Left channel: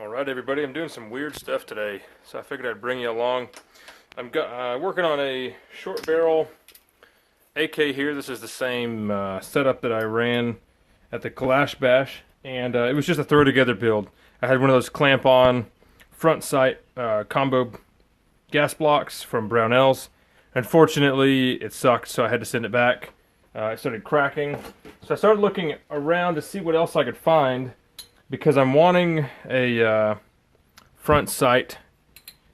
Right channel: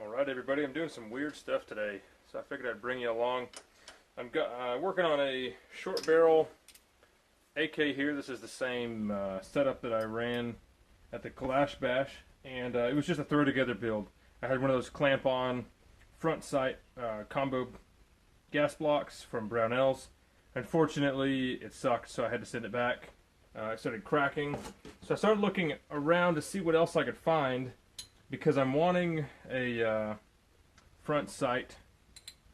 Alright everybody, I'm doing some weird stuff today, so I figured I'd bring you along. I'm working on a short barrel AK here. This is the same setup that I ran at the Kalash Bash, and it was just a throw together build. I had one of those clamp on front sight combo gas blocks from Brownells. Unfortunately it sucked, so I had to send it back. It started cracking, so I started looking around to see what else I could find, because I'm wanting a front sight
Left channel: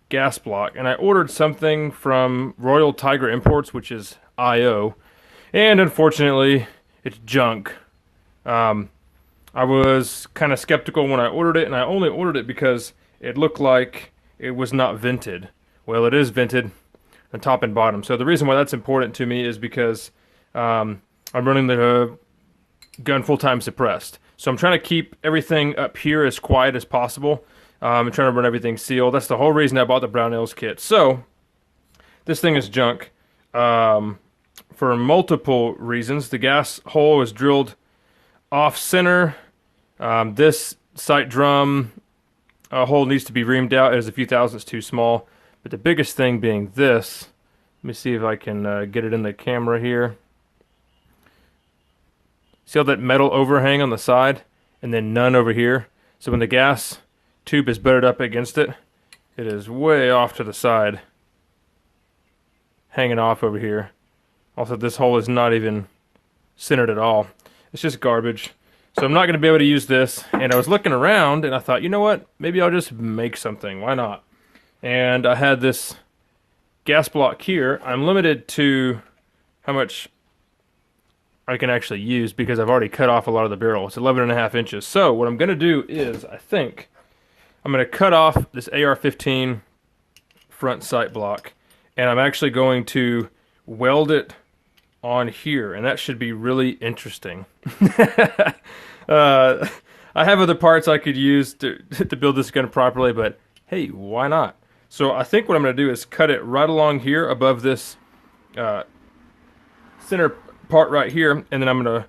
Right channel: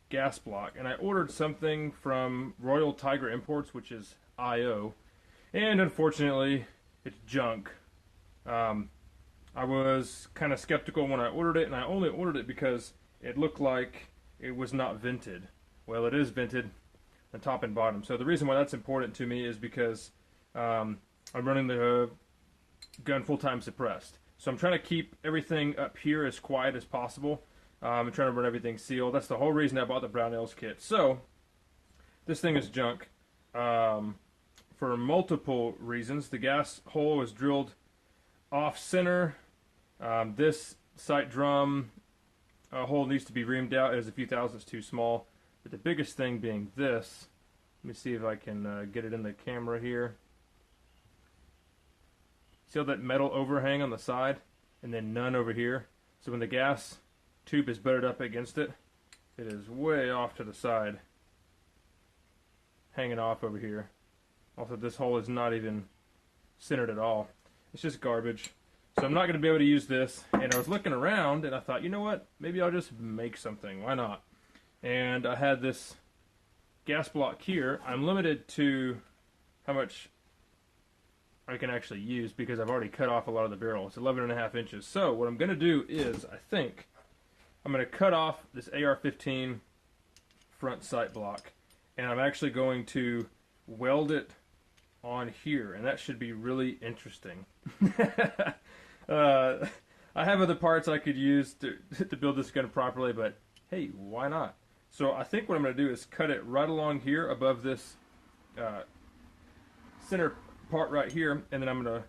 gas block, and I ordered something from Royal Tiger Imports, which is IO, and unfortunately it's junk. I was kind of skeptical when I ordered it, and I only ordered it because it looked like it was not vented. Well, it is vented on top and bottom, so the reason why that's important to me is because I'm running the gun full-time suppressed. So I'm trying to keep everything up here as quiet as possible. I'm trying to run everything sealed. That's the whole reason I bought the Brownells kit. So this thing is junk for multiple reasons. The gas hole is drilled off center. This sight drum hole needs to be reamed out. It is a few thousandths too small. But the biggest thing being this. Let me see if I can get it in the camera here. See all that metal overhang on the side, and then none over here? So when the gas tube is butted up against it, it is way off to the side, hanging off over here. Also, this hole is not even centered at all. It's just garbage. So I'm not going to be able to use this, and I was looking around, and I thought, you know what? Maybe I'll just make something. Why not? And I had this gas block here. I'm limited to how much I can actually use because I've already cut off a lot of the barrel. It's 11.5 inches. So what I'm going to do is, I think, I'm going to cut off this AR15 front sight block, and I'm actually going to weld it on here, and that should be really interesting. I have other parts I could use to build this gun properly, but hey, why not? So I think what I'm going to do is cut it right along here above this center part right here, and then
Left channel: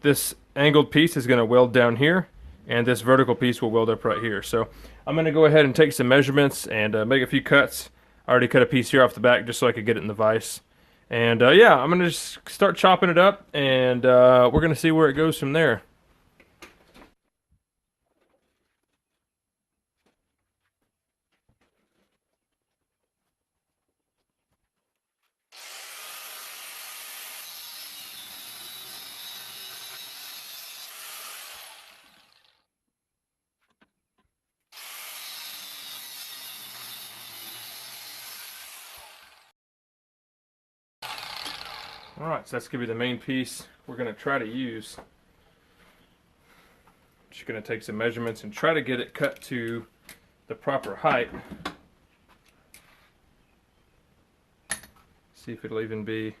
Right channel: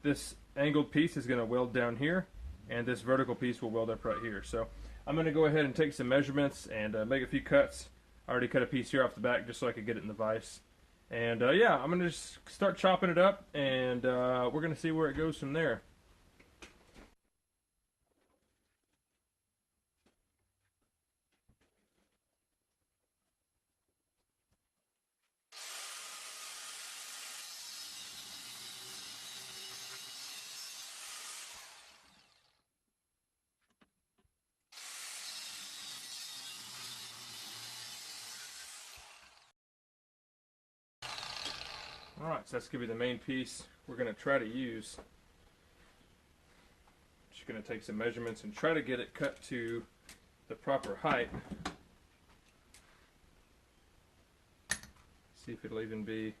this angled piece is going to weld down here, and this vertical piece will weld up right here. So I'm going to go ahead and take some measurements and make a few cuts. I already cut a piece here off the back just so I could get it in the vise. And yeah, I'm going to just start chopping it up, and we're going to see where it goes from there. Alright, so that's going to be the main piece we're going to try to use. Just going to take some measurements and try to get it cut to the proper height. See if it'll even be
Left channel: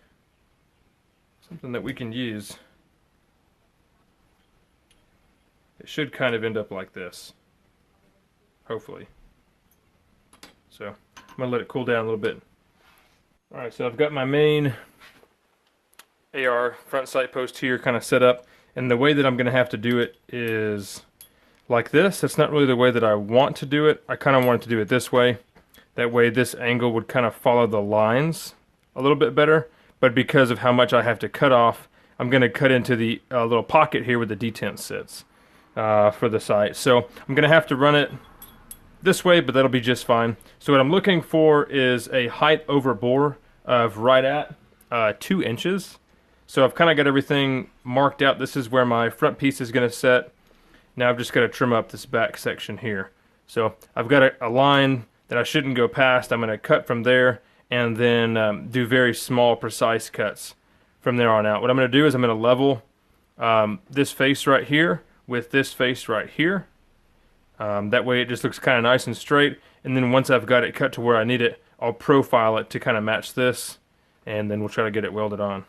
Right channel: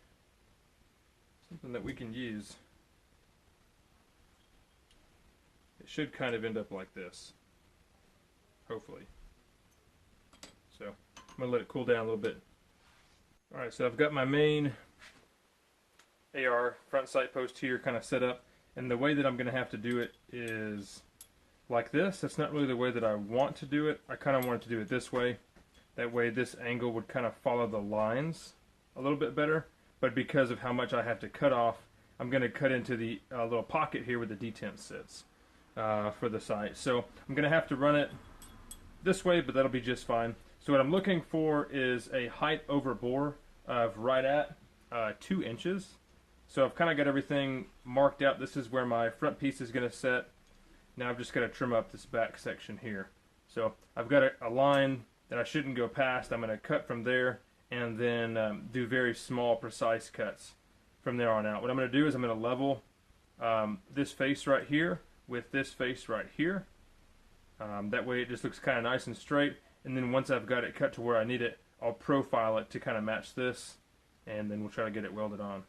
something that we can use. It should kind of end up like this, hopefully. So I'm going to let it cool down a little bit. Alright, so I've got my main AR front sight post here kind of set up, and the way that I'm going to have to do it is like this. It's not really the way that I want to do it. I kind of want to do it this way. That way this angle would kind of follow the lines a little bit better, but because of how much I have to cut off, I'm going to cut into the little pocket here where the detent sits for the sight. So I'm going to have to run it this way, but that'll be just fine. So what I'm looking for is a height over bore of right at 2 inches. So I've kind of got everything marked out. This is where my front piece is going to set. Now I've just got to trim up this back section here. So I've got a line that I shouldn't go past. I'm going to cut from there and then do very small, precise cuts from there on out. What I'm going to do is I'm going to level this face right here with this face right here. That way it just looks kind of nice and straight. And then once I've got it cut to where I need it, I'll profile it to kind of match this, and then we'll try to get it welded on.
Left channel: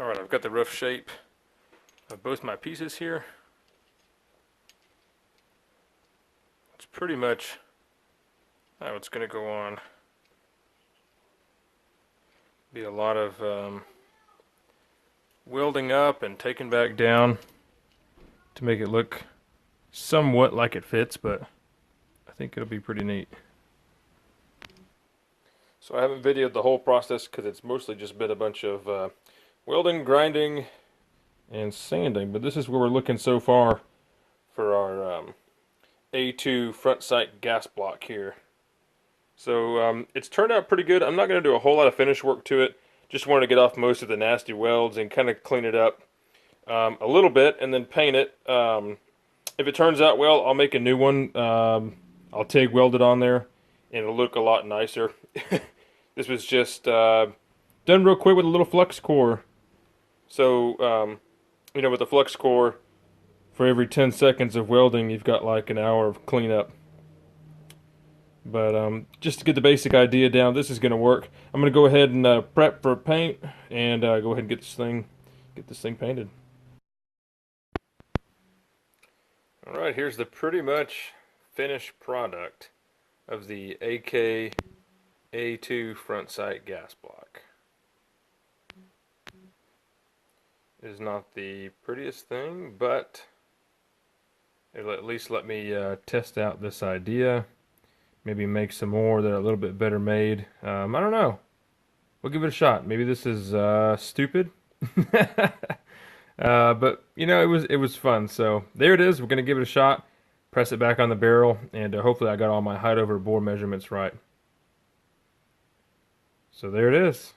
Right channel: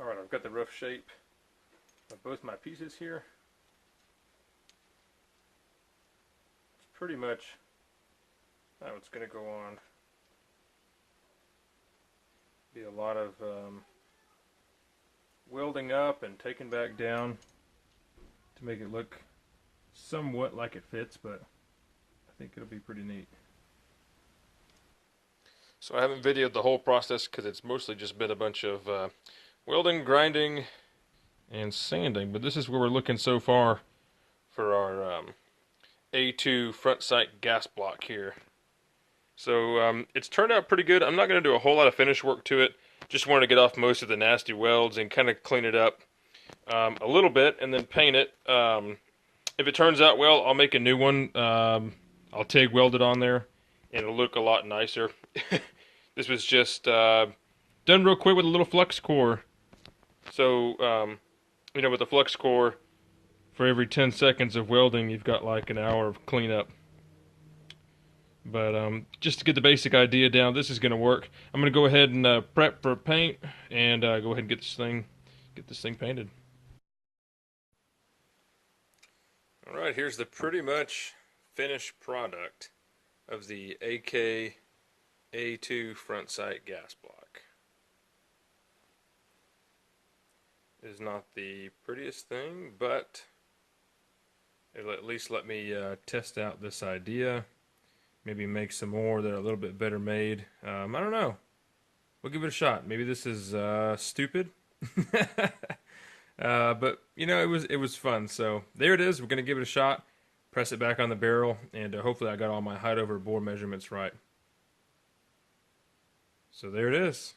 Alright, I've got the rough shape of both my pieces here. It's pretty much how it's going to go on. Be a lot of welding up and taking back down to make it look somewhat like it fits, but I think it'll be pretty neat. So I haven't videoed the whole process because it's mostly just been a bunch of welding, grinding, and sanding, but this is where we're looking so far for our A2 front sight gas block here. So it's turned out pretty good. I'm not going to do a whole lot of finish work to it. Just wanted to get off most of the nasty welds and kind of clean it up a little bit and then paint it. If it turns out well, I'll make a new one. I'll TIG weld it on there and it'll look a lot nicer. This was just done real quick with a little flux core. So, you know, with the flux core, for every 10 seconds of welding, you've got like an hour of cleanup. But just to get the basic idea down, this is going to work. I'm going to go ahead and prep for paint and go ahead and get this thing painted. All right, here's the pretty much finished product of the AKA2 front sight gas block. It is not the prettiest thing, but it'll at least let me test out this idea. Maybe make some more that are a little bit better made. I don't know. We'll give it a shot. Maybe this is stupid. But, you know, it was fun. So, there it is. We're going to give it a shot. Press it back on the barrel. And hopefully I got all my height over bore measurements right. So, there it is.